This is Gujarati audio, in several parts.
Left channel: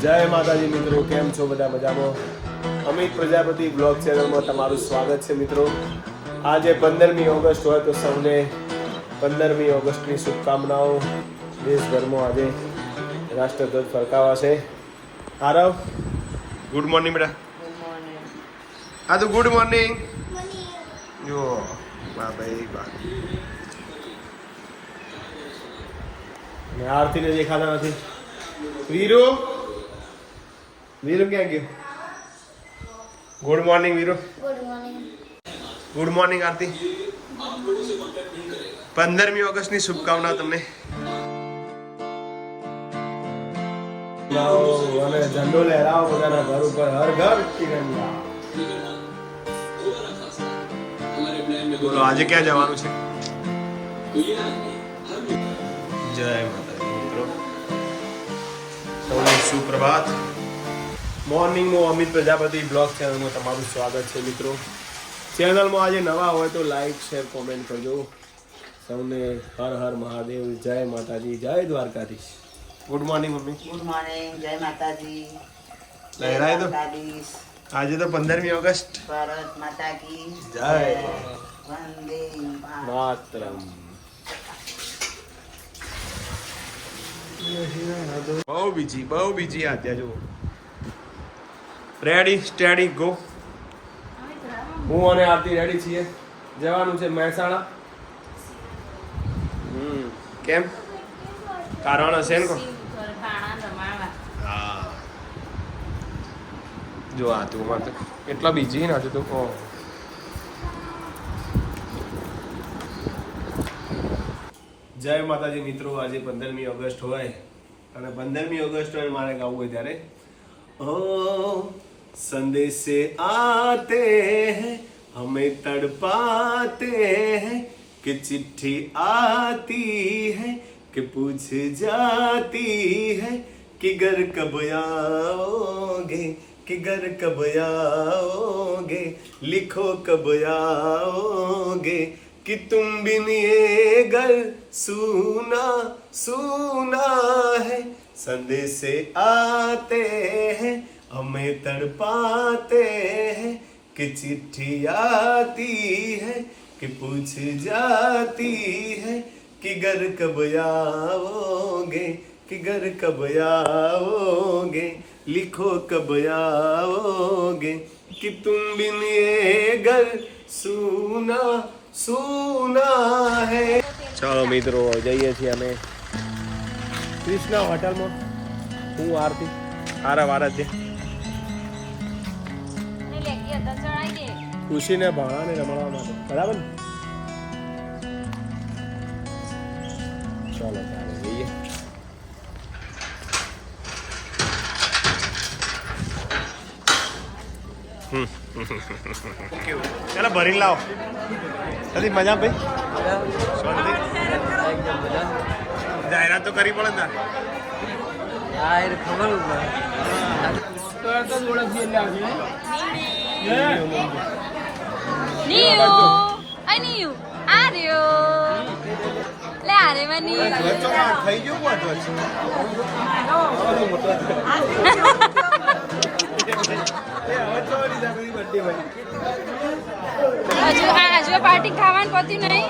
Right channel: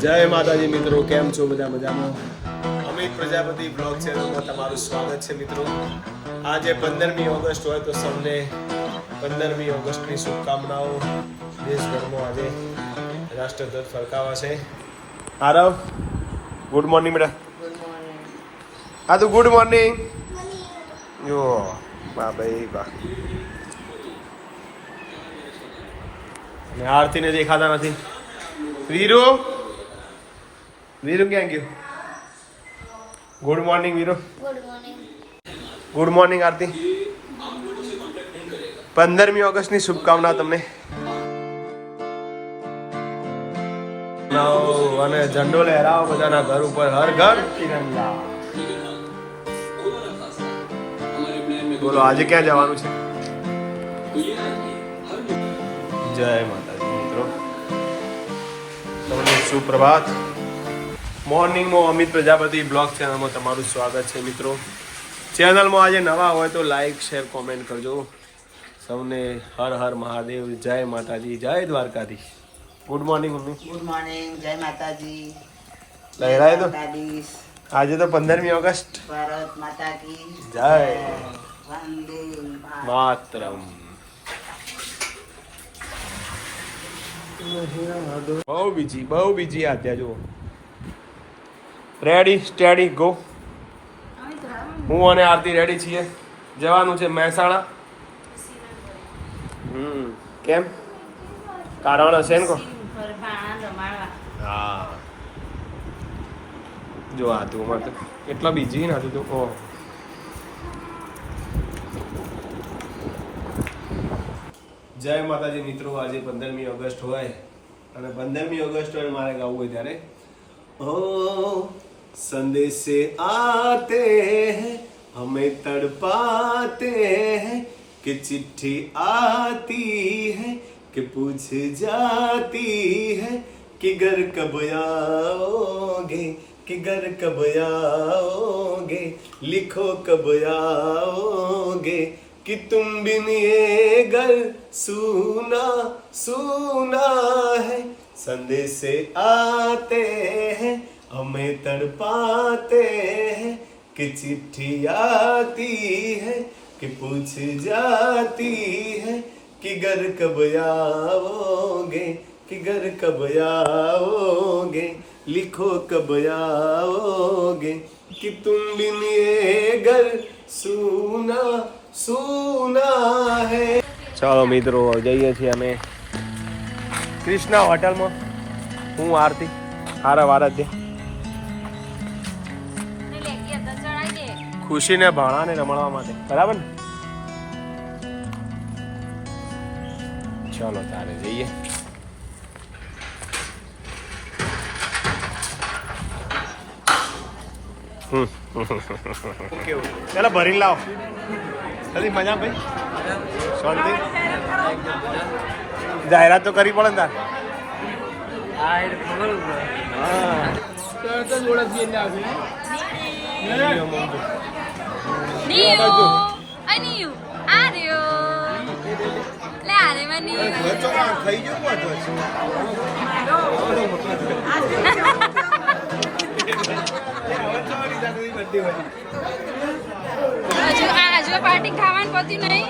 જય માતાજી મિત્રો કેમ છો બધા મજામાં? અમિત પ્રજાપતિ બ્લોગ ચેનલમાં તમારું સ્વાગત છે મિત્રો. આજે પંદરમી ઓગસ્ટ હોય તો સૌને પંદરમી ઓગસ્ટની શુભકામનાઓ દેશભરમાં આજે રાષ્ટ્રધ્વજ ફરકાવાશે. આરવ? ગુડ મોર્નિંગ બેટા હા તો ગુડ મોર્નિંગ જો બા ભાઈ બા. ને આરતીને દેખાતા નથી. વીરુ વીરુ ક્યાં ગયો? Good morning Veeru. Good morning good morning Aarti. પંદરમી ઓગસ્ટની શુભકામના તમને. અને ઝંડો લહેરાવો બધાના ઘર ઉપર. હર ઘર તિરંગા. બોલો આજે ક્યાં જવાનું છે? જય માતાજી મિત્રો. સૌનું સુપ્રભાત. મોર્નિંગમાં અમિત પ્રજાપતિ બ્લોગ ચેનલમાં તમારું સ્વાગત છે મિત્રો. ચેનલમાં આજે નવા હોય તો લાઈક શેર કોમેન્ટ કરજો. સૌને હર હર મહાદેવ જય માતાજી જય દ્વારકાધી good morning mummy. Good morning જય માતાજી. લહેરાય તો. આજે તો પંદરમી ઓગસ્ટ. ભારત માતા કી જય. વંદે માતરમ. બહુ બીજી બહુ બીજી આદ્યા જુઓ. રેડી સ્ટેડી ગો હું અને આરતી રેડી છીએ. જવાનું છે મહેસાણા. હમ કેમ? કારણ હશે ને કો? હા. જો આ તું માં તો એટલા બીજી ના તું ઓહ જય માતાજી મિત્રો આજે પંદરમી ઓગસ્ટ હોય અને પંદરમી ઓગસ્ટ હોય મારે ગાવું હોય ત્યારે. ઓ. संदेश आते हैं, हमें तड़पाते हैं कि चिट्ठी आती है, कि पूछ जाती है कि घर कब आओगे, कि घर कब आओगे, लिखो कब आओगे, कि तुम बिन ये घर सुना सुना है। संदेश आते हैं हमें तड़पाते हैं कि चिट्ठी आती है कि पूछ जाती है कि घर कब आओगे कि घर कब आओगे लिखो कब आओगे कि तुम बिन ये घर सूना सूना है ચાલો મિત્રો જઈએ છીએ અમે ક્રિષ્ના હોટલમાં હું આરતી આરવ આરાધ્ય ખુશીને ભાણાને રમાડવા માટે. બરાબર ને? ચાલો તારે જઈએ. હમ. ચાલો ભરીને લાવો. ખાલી મજા ભાઈ. શાંતિ. જાહેરાત તો કરી પડે ને તાર. ખબર હા. તો ઓળખી Le are man Niu! ખાઈ જવું હજુ આ હજુ આ પાર્ટી ખાવાની પતી નહીં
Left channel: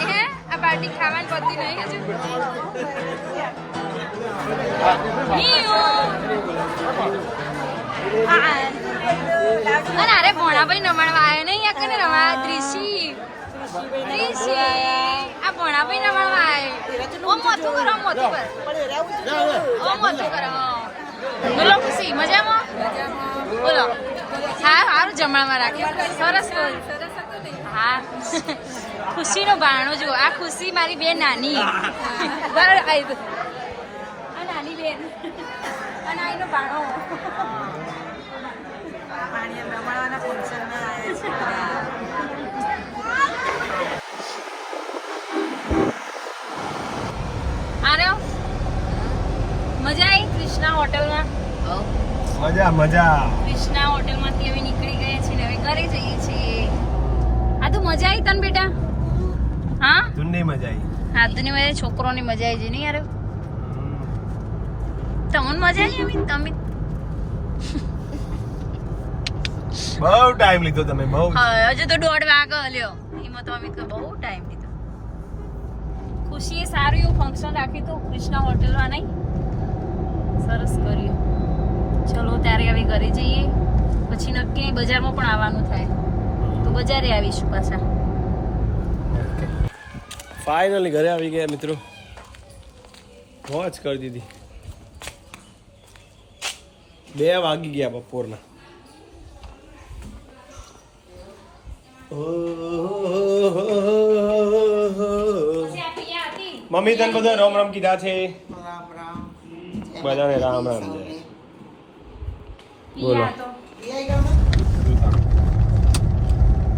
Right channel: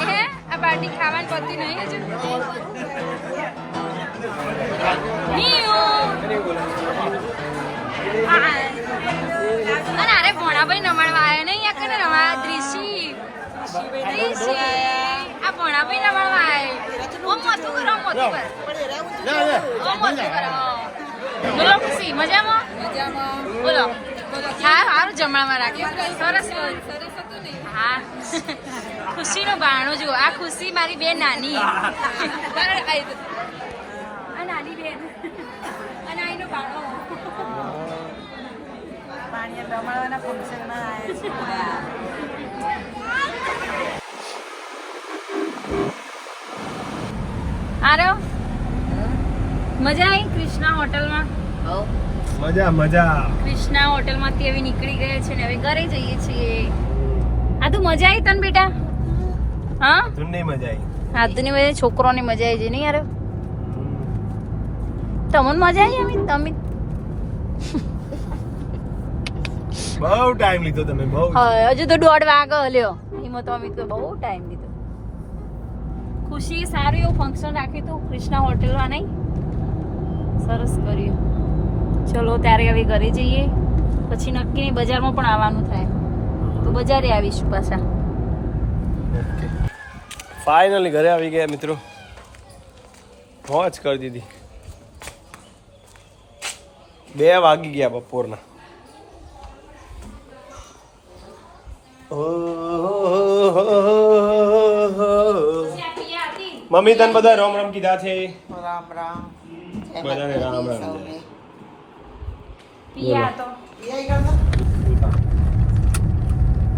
હે આ પાર્ટી ખાવાની પતી નહીં હજુ નિયુ આ અને અરે ભોણાભાઈ નમણવા આવ્યો નહીં, આ કને રમવા દ્રિશી દ્રિશી આ ભોણાભાઈ નમણવા આવ્યો ઓમ મોતું કરો મોતું કર. ઓમ મોતું કરો બોલો ખુશી, મજામાં? બોલો. હા સારું જમવામાં રાખ્યું સરસ હા. ખુશીનો ભાણું જુઓ. આ ખુશી મારી બે નાની. નાની બેન. આ નાનીનો ભાણો પાણીયા રમાડવાના ફંક્શનમાં આરે મજા આવી કૃષ્ણા હોટલમાં? મજા મજા. કૃષ્ણા હોટલમાંથી હવે નીકળી ગયા છે ને હવે ઘરે જઈએ છીએ. આ તું મજા આવી તને બેટા? હા? તુને મજા આવી. હા તું ની બધા છોકરોને મજા આવી છે નહીં યાર? તમને મજા આવી અમિત અમિત બહુ ટાઈમ લીધો તમે બહુ. હજુ તો દોઢ વાગે લ્યો એમાં તો અમિત બહુ ટાઈમ લીધો. ખુશી સારું એવું ફંક્શન રાખ્યું હતું કૃષ્ણા હોટેલમાં નહીં. સરસ કર્યું. ચલો ત્યારે હવે ઘરે જઈએ. પછી નક્કી નહીં બજારમાં પણ આવવાનું થાય. તો બજારે આવીશું પાછા. ફાઇનલી ઘરે આવી ગયા મિત્રો. મોજ કરી દીધી. બે વાગી ગયા બપોરના. મમ્મી તને બધા રામ રામ કીધા છે. રામ રામ. બધાને રામ રામ જય. ઘરમાં?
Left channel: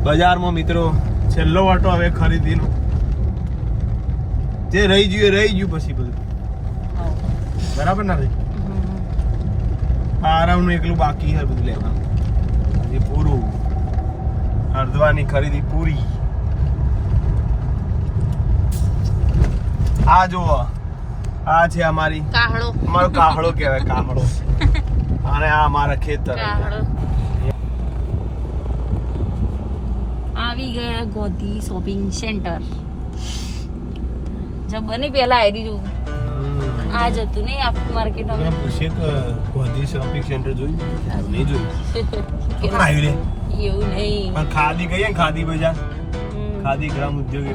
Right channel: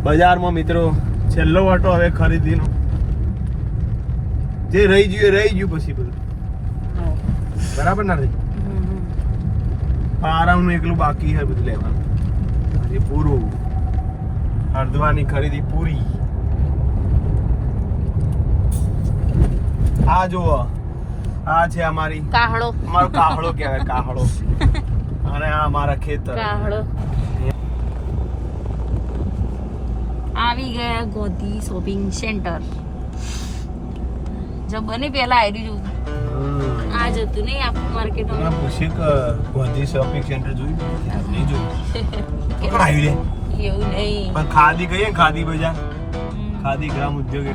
બજારમાં મિત્રો છેલ્લો વાટો હવે ખરીદીનો. જે રહી ગયું એ રહી ગયું પછી બધું. બરાબર ના રહી? પારાવનું એકલું બાકી હોય બધું લેવાનું. હજી પૂરું. હરદ્વાની ખરીદી પૂરી. આ જુઓ આ છે અમારી કાહળો. અમારો કાહળો કહેવાય કાહળો. અને આ અમારા ખેતર કાહળો. આવી ગયા ગોધી શોપિંગ સેન્ટર. જો બને પેલા આવી દીધું આ જતું નહીં આપણું માર્કેટમાં તમે પૂછીએ કે ગોધી શોપિંગ સેન્ટર જોયું? નહીં જોયું. આવી રે. એવું નહીં. પણ ખાદી કહીએ ખાદી બજાર. ખાદી ગ્રામ ઉદ્યોગ.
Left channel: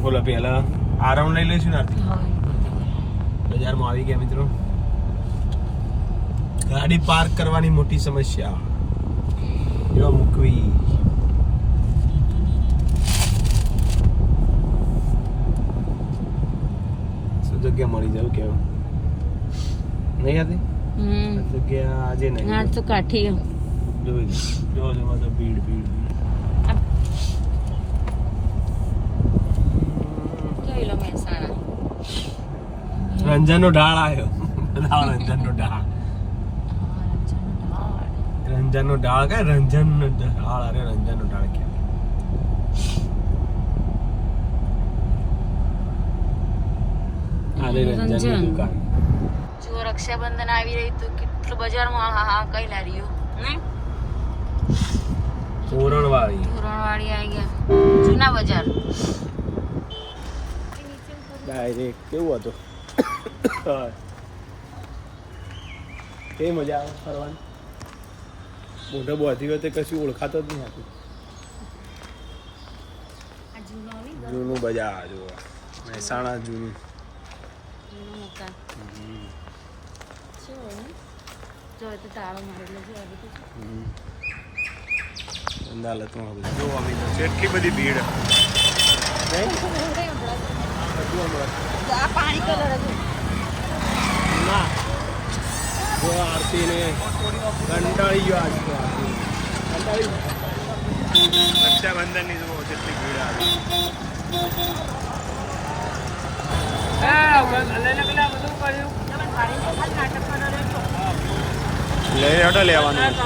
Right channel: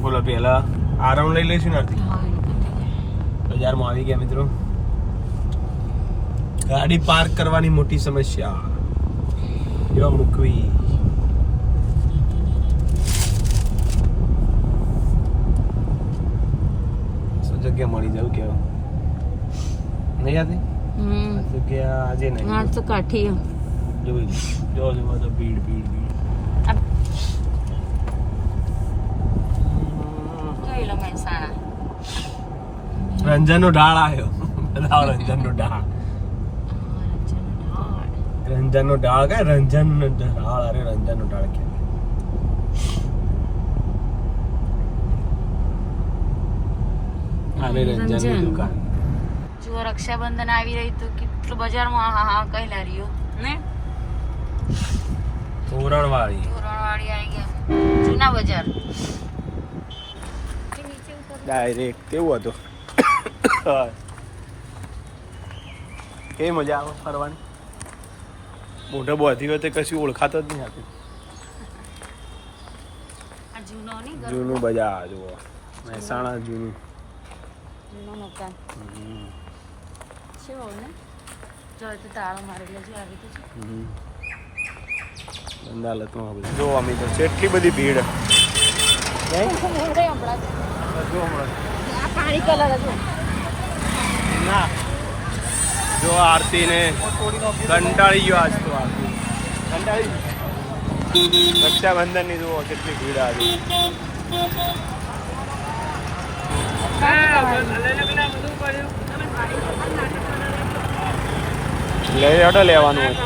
બોલો. પેલા આરામ લઈ લઈશું ને. બજારમાં આવી ગયા મિત્રો. ગાડી પાર્ક કરવાની મોટી સમસ્યા. જો મૂકવી. જગ્યા મળી જાવ કેવું નહીં આતી હમ. આ ડાળ આજે નહીં. આ તો કાઠી. જો ડાળ કે તો ભીડ ભીડ ભીડ. જોઈ લો મહેસાણા ઢાળ આવ્યો. રંજન રંજનનો ઢાળ. કે રંજનનો ઢાળ? અરે રંજનનો ઢાળ કે. આને રંજનની રંજન. દુકાન. રક્ષાબંધન આવી રહી તો કેટલું બજારમાં હા હા કઈ લારીઓ? ને તોરણવાળી ધોરણવાળી આવી ગયા. જૂના બજાર. ડાયરેક્ટ કેવું હતું? કેવી મજા આવે ફરવાની? મોઢે બોધી વખતે કશું ઓળખાતો જ નહીં હતું આ જૂનો નહીં ઘર? જૂનું બજાર જુઓ. મહેસાણા જૂનું. જૂનો મકાન. શું હોય જો તો તાળો મારેલો છે આવી તો છે. અદાલતમાં જો અમે તો એટલી બધી ભીડ. જો આ પાણી કલર હતો ના. જો આરતી ને કંટાળી ગયો આજ તો આરતી. કંટાળી રક્ષાબંધનની જુઓ કેટલી ભીડ આજે લઈ હટો લેવાનું હોય.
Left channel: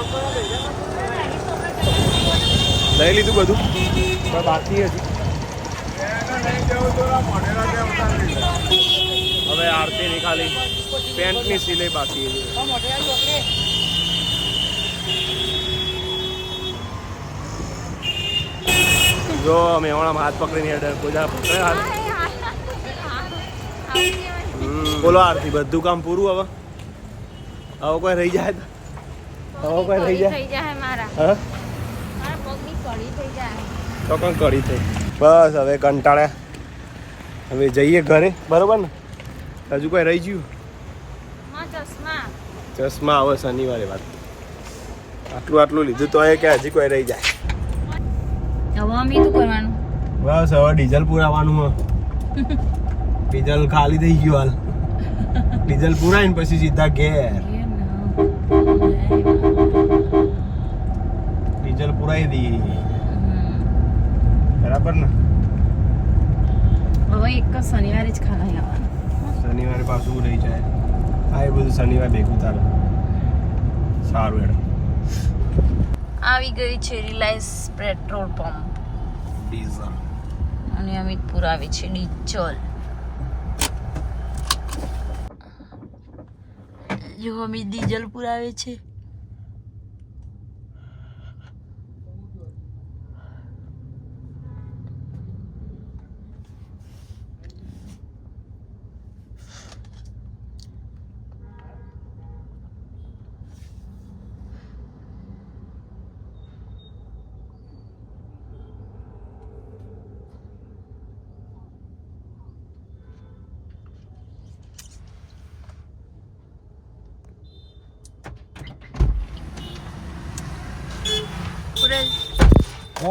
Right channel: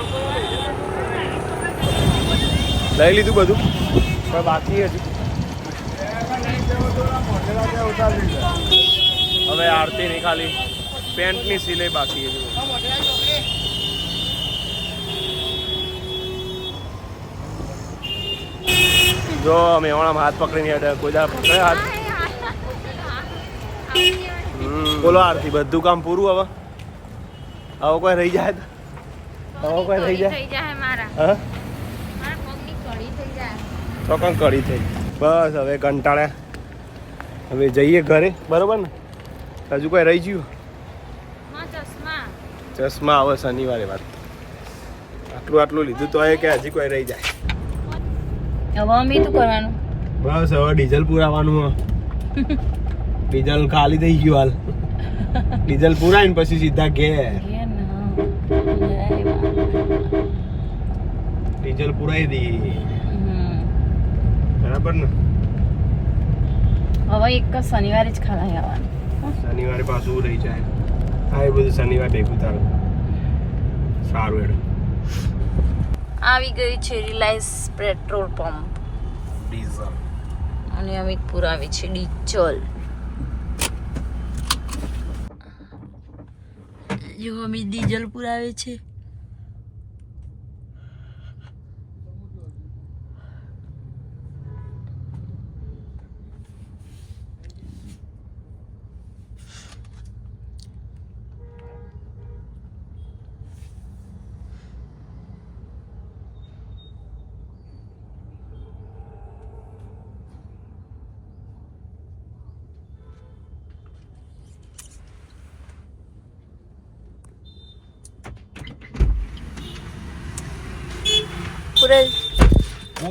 લઈ લીધું બધું. પણ બાકી હજુ. હવે આરતી ની ખાલી. પેન્ટની સિલાઈ બાકી હજુ. જો મેવાણા હાથ પકડીને હેડે કોઈ દા પકડે હાથ. બોલો આરતી બધું કામ પૂરું હવે? આવો કોઈ રહી જાય તો? હવે કોઈ રહી જાય? થઈ જાય મારા. હા? મારા પગની કડી થઈ જાય. તો કોણ કડી થઈ બસ હવે કંટાળ્યા. હવે જઈએ ઘરે બરોબર ને? હજુ કોઈ રહી ગયું? માં ચશ્મા. ચશ્મા આવે શનિવારે વાત. આટલું આટલું લીધું તો એ કે હજી કોઈ રહી જાય. હવે અમે શું કરવાનું? બસ હવે ડીઝલ પુરાવાનું ડીઝલ ખાલી થઈ ગયું હાલ. ડીઝલ પુરાઈને પછી સીધા ઘેર. પુરાઈ દઈએ. બરાબર ને? હવે એક જ શનિવારે જ ખાવા આવવાનું. શનિવારે પાછું રહી જાય. હા એ બધું શનિવાર ભેગું તારું સારું એડ આવી ગઈ છે રિલાયન્સ પેટ્રોલ પંપ. ડીઝલ. અને અમિત પુરાવે છે ડીઝલ. જો અમિત ડીઝલ પુરાવે છે.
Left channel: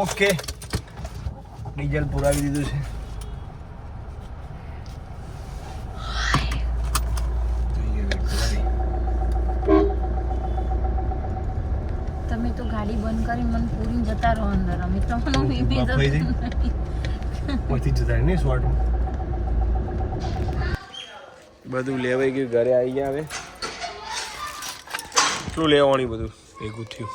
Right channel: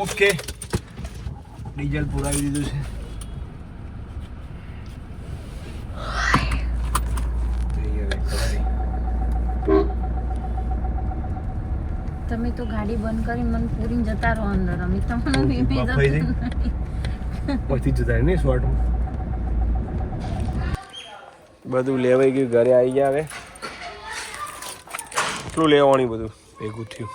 ઓકે. ડીઝલ પુરાવી દીધું છે. તમે તો ગાડી બંધ કરીને મને પૂરીને જતા રહો અંદર. અમે બફાઈ પછી જતા નહીં સ્વાટ બધું લેવાઈ ગયું ઘરે આવી ગયા હવે. કેટલું લેવાનું બધું? ભેગું થયું.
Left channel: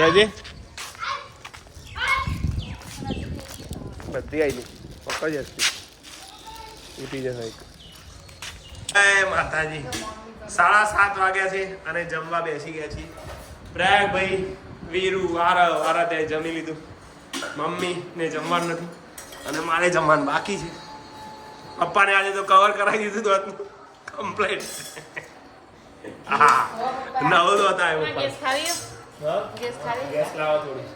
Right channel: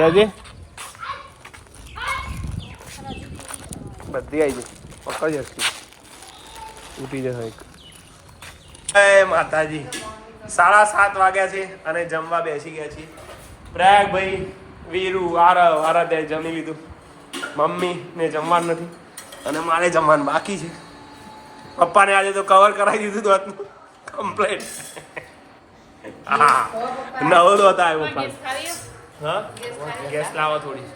ત્યાંજી બધી આવી ગઈ. પકડી જશે ઉઠી જશે. જય માતાજી. સાડા સાત વાગ્યા છે અને જમવા બેસી ગયા છીએ. પ્રયાગભાઈ વીરુ આરવ આરા ત્યાં જમી લીધું. મમ્મી ને જમવાનું નથી. અને મારે જમવાનું બાકી છે. પપ્પાને આજે તો કવર કરાવી દીધું હતું કમ્પ્લેટ હા. નવો તો હતા હા ગેસ લાવો થોડી.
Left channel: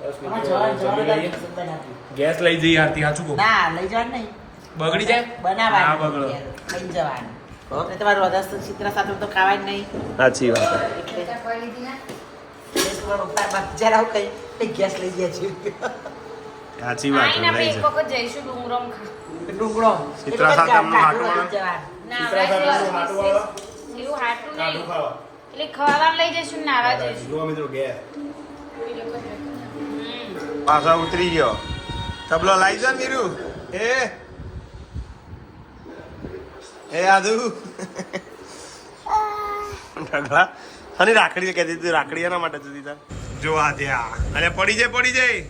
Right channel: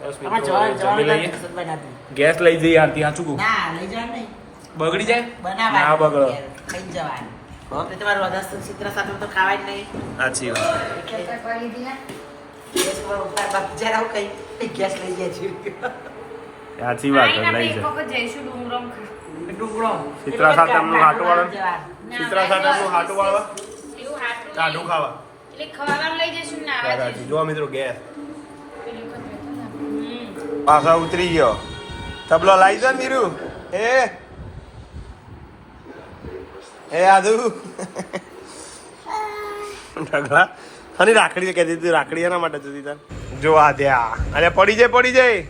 બસ મિત્રો જમી લઈએ. ગેસ લઈ જઈએ આરતી સાચું કહું? ના લઈ જવાનું નહીં. બગડી જાય? બનાવવા ના બગડો. લઈ જવાનું? તમારું વગર ચિત્ર સાથે તો ખાવાય જ નહીં. સાચી વાત. ગેસ લઈ જાય છે. સાચી વાત લઈ જાય. જઈશું ડુંગરમ ખા ચિત્રા સાથે એમનું હાટું વાળા? ચિત્રા સાથે એમનું હાટું વાળવા હાટું ખાવા. એટલે ખાવા લઈ જઈશું નાવા જઈશું. જો મિત્રો ગેસ. પાછા ઉતરી ગયો. તબલો લાવી જા મીરુ એ. એ આદુ. ઢગલા. અને રાખડી કહેતી હતી રાખડી એના માટે જતી તાર જો આ ત્યાં અરે પડી જાય પડી જાય.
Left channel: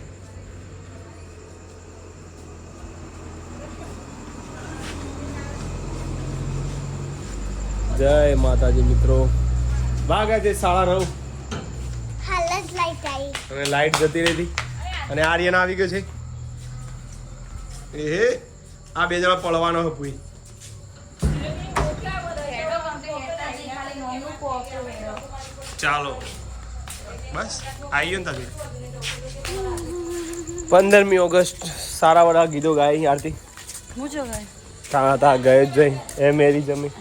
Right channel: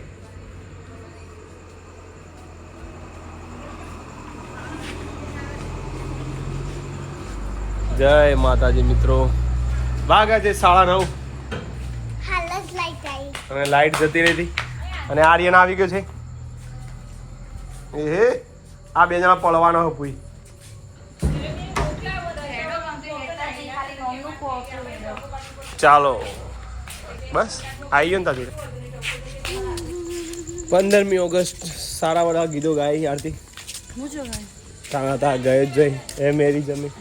જય માતાજી મિત્રો. વાગ્યા છે સાડા નવ અને લાઈટ જતી રહી હતી અને આર્યન આવી ગયો છે. એ આ બે જણા પડવાનો હપુઈ ચાલો. બસ આવી ગયો ને તા જોડે પંદરમી ઓગસ્ટ સારા વાળા ગીતો ગાય આરતી. હું જો ભાઈ તા તા ગયે જ જઈ એ મેરી જમી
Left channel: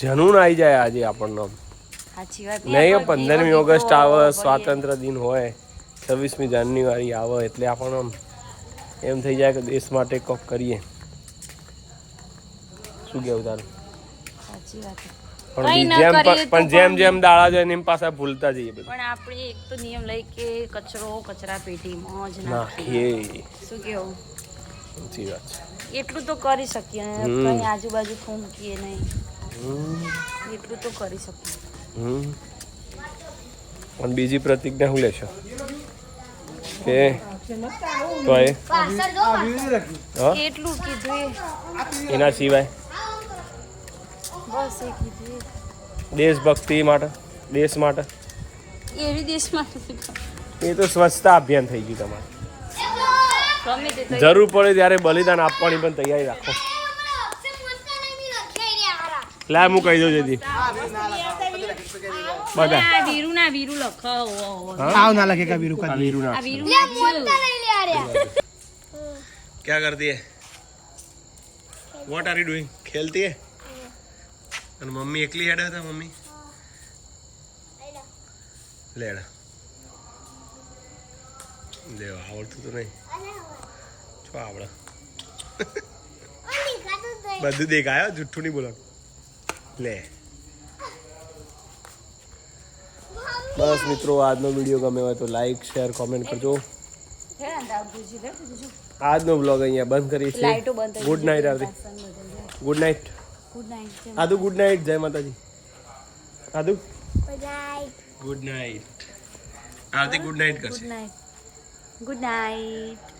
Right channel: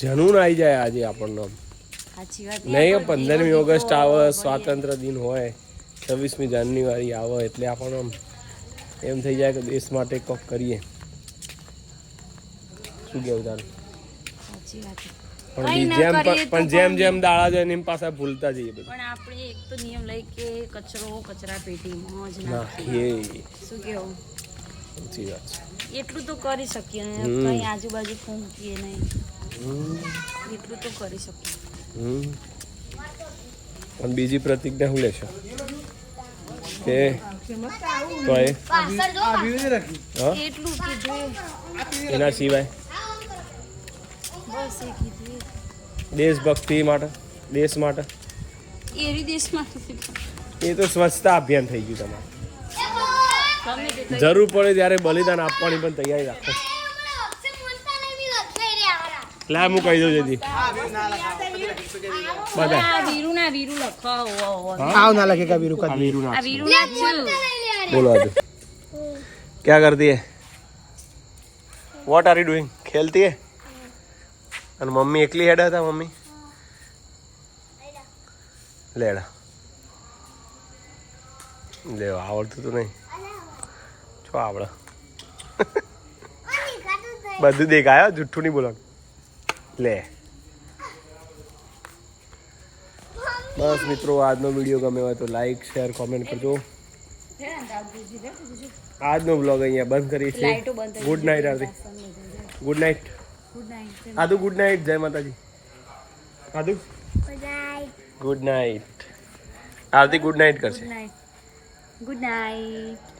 જનૂન આવી જાય આજે આપણને. નહીં પંદરમી ઓગસ્ટ આવે સ્વાતંત્ર દિન હોય છવ્વીસમી જાન્યુઆરી આવે એટલે આપણને એમ થઈ જાય કે દેશ માટે કોક કરીએ. શું કેવું તારું? પણ જેમ પણ જેમ જેમ દાડા જાય એમ પાછા ભૂલતા જઈએ બધું. પણ આપણે એક તો નિયમ લઈ કે કચરો કચરા પેટીમાં જ નાખીએ. શું કેવું? સાચી વાત છે. એટલું તો કરી શકીએ કઈ આજુબાજુ ફૂંકીએ નહીં. એટલું તો કરી શકું. હમ. અને બીજી પ્રતિજ્ઞા શું લેશો? કે તો એ હા? એટલું કીધું એના સિવાય? બસ એ કીધું દેશભક્તિ માટે? દેશ માટે? એવી દેશમાં એ તો સ્વચ્છતા અભિયાન થઈ ગયું તમારે. જરૂર પડે ત્યારે બલિદાન આપવાની પણ તૈયારી રાખો. લા હું કહી દઉં જલ્દી બધા આ વીરુ ના વીરુ લખાવો हाँ? આ વીરુ ના આ વીરુ નાખ્યું બોલો આજે क्या करती है वॉट आर यू डूइंग खेलती है અને મમ્મી એકલી હેડા હતા મમ્મી લેડા લેવા આવડતું તો નહીં તો આવડે બધું દેખાય હો, જુઠ્ઠું નહીં બોલવાનું લે. બસ મિત્રો આજનો વીડિયો ગમે હોય તો લાઈક શેર કોમેન્ટ કરજો. આજનો બ્લોગ અહીંયા બંધ કરીએ લાઈટો છીએ good night Aarti good night good night આદુ ગુડ નાઇટ જય માતાજી. આદુ? Good night Aarti good night કરશે. Good night good night